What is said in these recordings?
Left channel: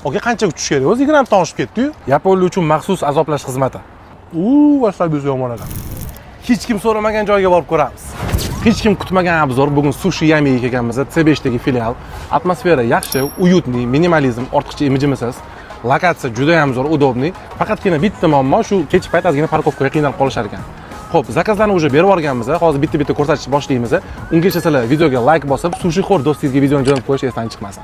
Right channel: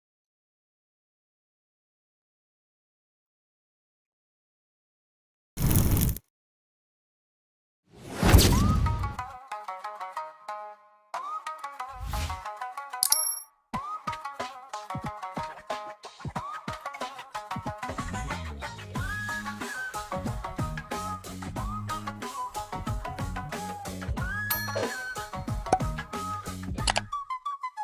Aka qanchaga tushish kerak? O'zi 20 ta oshib ketdi-yu. Yaponlar uchun maxsus azoblash xizmati. Vasalbuz yomon ekan. Hech kim so'ramagan joyga borib ko'ramiz. Hech kim kutmagan obzor. Bugun sushi yamiga kelganmiz. C5 dagi filial. Atmosfera yaxshi, uyutniy, minimalizm, ortiqcha imijimisiz. Lokatsiya juda ham zo'r, udobniy. Faqatgina bitta muammo shu kech payt ozgina parkovkaga qiynalib qolishar ekan. Xo'p, zakazlarni уже berib yuborganmiz. Hozir bitta ko'rsatish boshlaymiz. Ungacha sizlar videoga like bosib, sushi xor do'stingizga videoni jo'natib qo'yish esdan chiqmasin.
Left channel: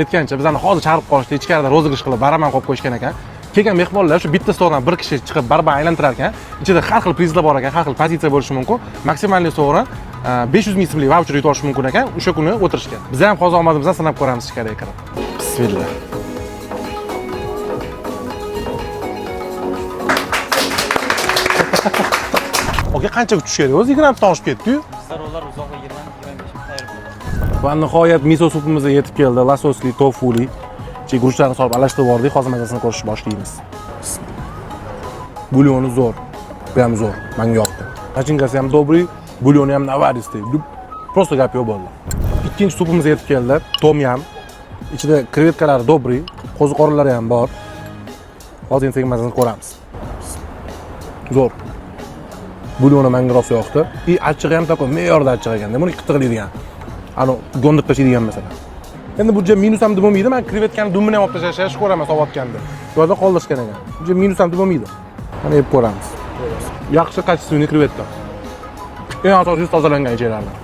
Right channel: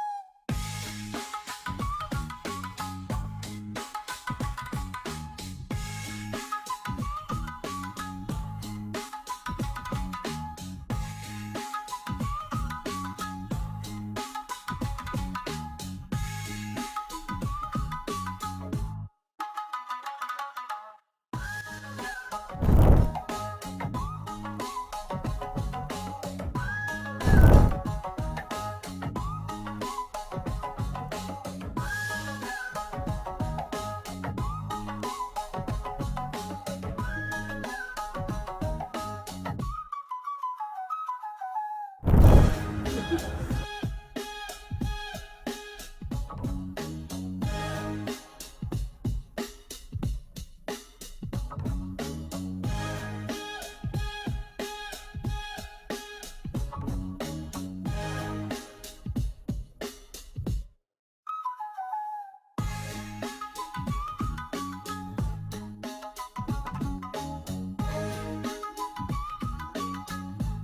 Aytgancha bizlarni hozir chaqirib qolishdi, ichkarida rozыгрыш qilib baraman qo'yib qo'yishgan ekan. Kelgan mehmonlar shu bitta sovrin bir kishi chiqib barban aylantirar ekan. Ichida har xil prizlar bor ekan, har xil pozitsiya bo'lishi mumkin. Maksimalniy sovrin 500 ming so'mlik voucher yutib olish mumkin ekan. O'sha kuni o'tirishgan. Biz ham hozir omadimizdan sanab ko'ramiz ichkariga kirib. Bismillah. Aka qanchaga tushish kerak? O'zi 20 ta oshib ketdi-yu. Rollar uzoqqa 20-25 Va nihoyat miso supimiz yetib keldi. Lasosli, tofuli. Guruchlarni solib alashtirib yubordik. Hozir mazasini ko'rishni boshlaymiz. Bulyoni zo'r. Bu ham zo'r. Menga yoqdi. Nachinkasi ham dobri, bulyoni ham navarisday. Просто gap yo'q bo'ldi. Ikkinchi supimiz yetib keldi. Tom yam. Ichida krevetkalar dobri, qo'ziqorinlari ham bor. Hozir endi mazasini ko'ramiz. Zo'r. Bulyoni menga rosa yoqdi. Achchig'i ham такой me'yorda achchiq ekan. Buni qitiqlaydigan. Ani gondib tashlaydigan masalan. Endi bu minus ham bo'lmaydi. Men krevetkani dumini ham olib tashlashni ko'raman sovotganda. Bu yerda qoldirishgan ekan. Bu minus ham bo'lmaydi. Mana yeb ko'ramiz. Yaxshi kачественный krevetka. Eng asosiy tozalangan joylardan.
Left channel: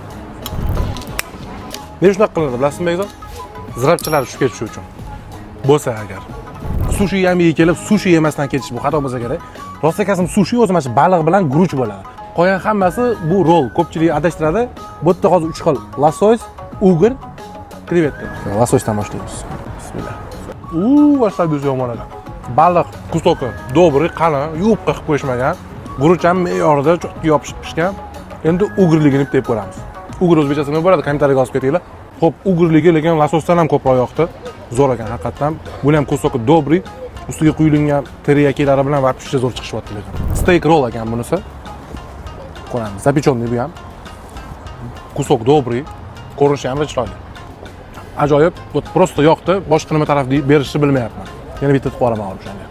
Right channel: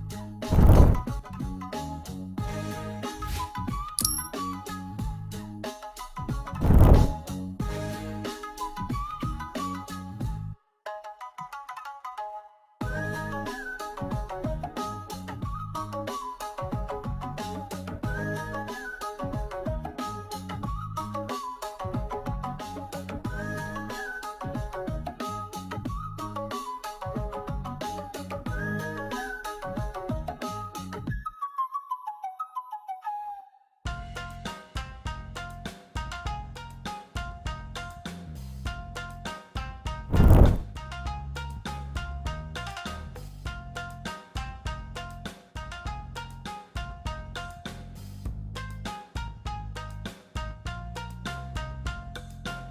Men shunaqa qiladi, bilasizmi, Begzod? Zirabchilar tushib ketishi uchun. Bo'lsa agar sushi yamiga kelib, sushi yemasdan ketish bu xato bo'lsa kerak. Rost aytasam, sushi o'zi mana shu baliq bilan guruch bo'ladi. Qolgan hammasi bu rol. Ko'pchilik adashtiradi. Bu yerda hozir 3 xil: lasos, ugr, krevetka. Lasosdan boshlaymiz. Bismillah. Vasalbuz yomon ekan. Baliq kustoki dobri, qalin, yuvib qilib qo'yishmagan. Guruch ham me'yorida cho'qqa yopishib pishgan. Endi ugrligini deb ko'ramiz. Ugr o'zbekchasi nima bo'ladi? Kommentariyaga yozib ketinglar. Xo'p, ugrligi lekin lasosdan ham ko'proq yoqdi. Zo'r ekan haqiqatan. Bu ham kustoki dobri, ustiga quyilgan teriyakilari bilan va pishcha zo'r chiqishyapti lekin. Steak roll ekan bunisi. Ko'ramiz. Zapechonniy bu ham. Kustok dobri, ko'rinishi ham chiroyli. Ajoyib, просто yoqdi. Boshqa nima taraf berishni bilmayapman. Yana bitta qilib qo'raman hozir o'shanga.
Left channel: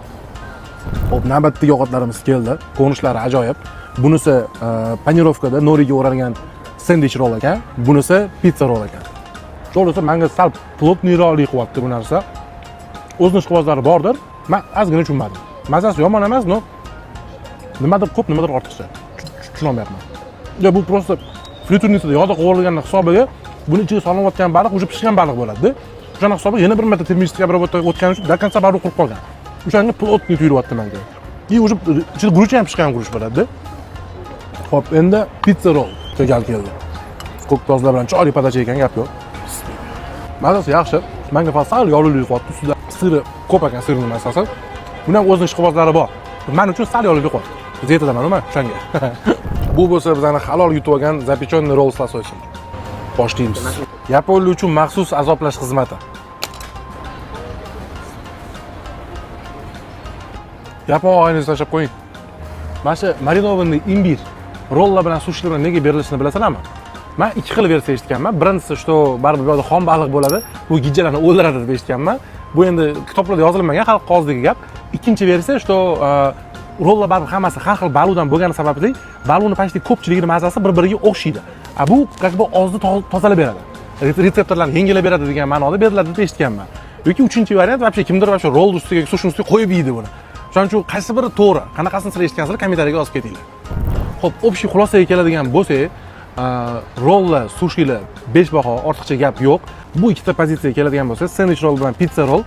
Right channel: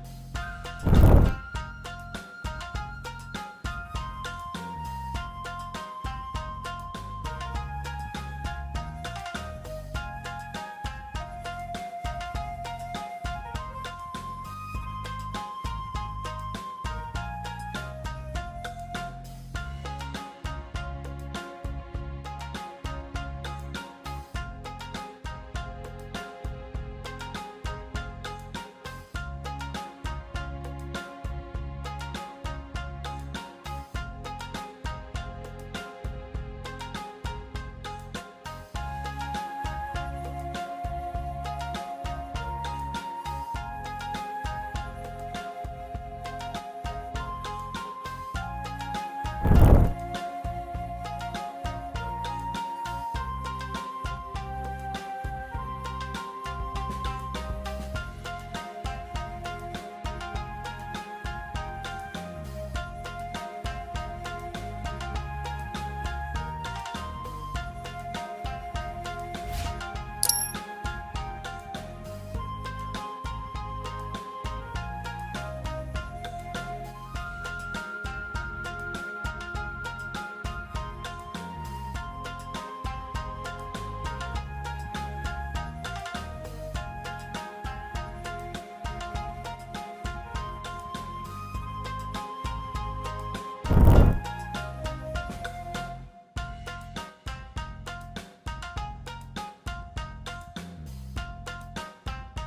Xo'p, navbatdagi ovqatlarimiz keldi. Ko'rinishlari ajoyib. Bunisi panirovkada noriga o'ralgan sendwich roll ekan. Bunisi pizza roll ekan. To'g'risi menga sal plotniyroqlik qilyapti bu narsa. O'zining ishqibozlari bordir. Men ozgina tushunmadim. Mazasi yomon emas, no. Nimadir ko'p, nimadir ortiqcha. Tushunmayapman. Ya bu просто friturnisida yog'da qovurilgan hisobiga buni ichiga solinayotgan baliq уже pishgan baliq bo'ladi. O'shani hisobiga yana bir marta termический обработка o'tgani uchun до конца baliq qurib qolgan. O'shanga plotniy tuyulyapti menga. И уже ichida guruch ham pishgan guruch bo'ladi. Xo'p, endi pizza roll keldi. Ko'k tozlar bilan chiroyli podacha ekan, gap yo'q. Mazasi yaxshi. Menga sal yog'li qilyapti. Ustida siri ko'p ekan, sirning asosan. Buni ham o'zining ishqibozlari bor. Men uchun sal yog'li qilyapti. Zeytidaman, nima? O'shanga. Bu bo'lsa bizani halol yutib olgan zapechonniy roll lasosi. Boshlaymiz. Yaponlar uchun maxsus azoblash xizmati. Yapon oynasini tashlab qo'ying. Mana shu marinovanniy imbir rollar bilan sushi bilan nega berilishini bilasizlarmi? Men ikki xil versiya eshitganman. Birinchisi shu baribir bu yerda xom baliq bo'ladi, bu gijjalarni o'ldiradi deb eshitganman. Bu endi kitoblarda yozilmagan, xalq qog'ozdagi gap. Ikkinchi versiya shu rollar baribir hammasi har xil baludan bo'lgani sababli baluni почти ko'pchiligining mazasi bir-biriga o'xshaydi. Bu как бы ozni tozalab beradi. Retseptorlarni yengillab beradi degan ma'noda beriladi deb eshitganman. Yoki uchinchi variant вообще kimdir mana shu roll ustiga, sushi ustiga qo'yib yeydi buni. Shuning uchun qaysi biri to'g'ri, qanaqasini sizlar eshitgansizlar kommentariyaga yozib ketinglar. Xo'p, общий xulosaga keladigan bo'lsak, rollar, sushilar 5 baho, ortiqcha gap yo'q. Bu ikkita pozitsiyaga keladigan bo'lsa, sandwich roll bilan pizza roll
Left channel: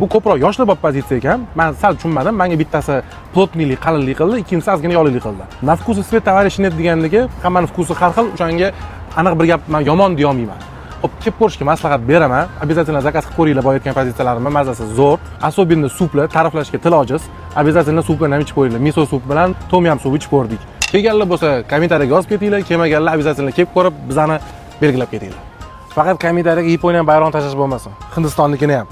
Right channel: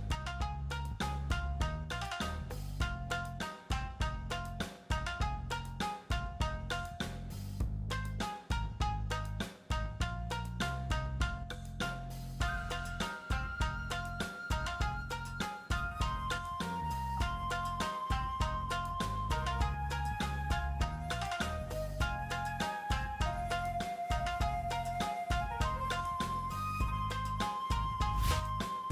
bu ko'proq yoshlar pozitsiya ekan. Men sal tushunmadim. Menga bittasi plotniylik, qalinlik qildi, ikkinchisi ozgina yog'lilik qildi. Na vkusi свет товарищ нет deganligi, hammaning vkusi har xil. O'shanga aniq bir gap men yomon deya olmayman. Xo'p, kelib ko'rishga maslahat beraman. Обязательно zakaz qilib ko'ringlar, boya aytgan pozitsiyalarimni mazasi zo'r. Особенно suplar ta'riflashga til ojiz. Обязательно suplarni ham ichib ko'ringlar. Miso sup bilan tom yam suv ichib ko'rdik. Kelganlar bo'lsa, kommentariyaga yozib ketinglar, kelmaganlar обязательно kelib ko'rib, bizani belgilab ketinglar. Faqat kommentariyaga Yaponiya bayrog'ini tashlash bo'lmasin. Hindistonnikini ham.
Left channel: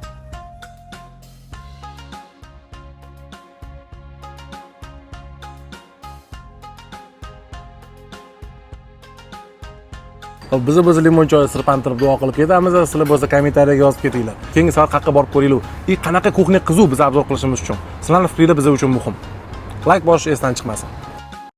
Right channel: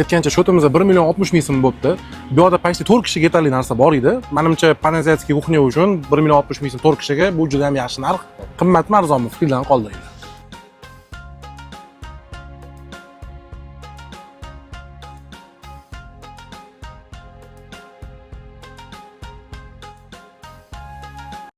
Aytgancha shotimizda 1 million 60 ming so'm bo'libdi. Bu yerda почти 4 kishiga yetarli narsa bor edi. Menimcha panaziyatskiy kuxnya uchun 1 million 60 ming so'm 4 kishiga bu juda ham yaxshi narx. Qimmatmi, arzonmi? Fikrdan qoldiringlar. Biz o'zi limon choyi sirpantirib duo qilib ketamiz. Sizlar bo'lsa kommentariyaga yozib ketinglar. Keyingi safar qayerga borib ko'ringlar. Qanaqa kuxnya qizuv biz obzor qilishimiz uchun. Sizlarning fikringiz biz uchun muhim. Like bosish esdan chiqmasin.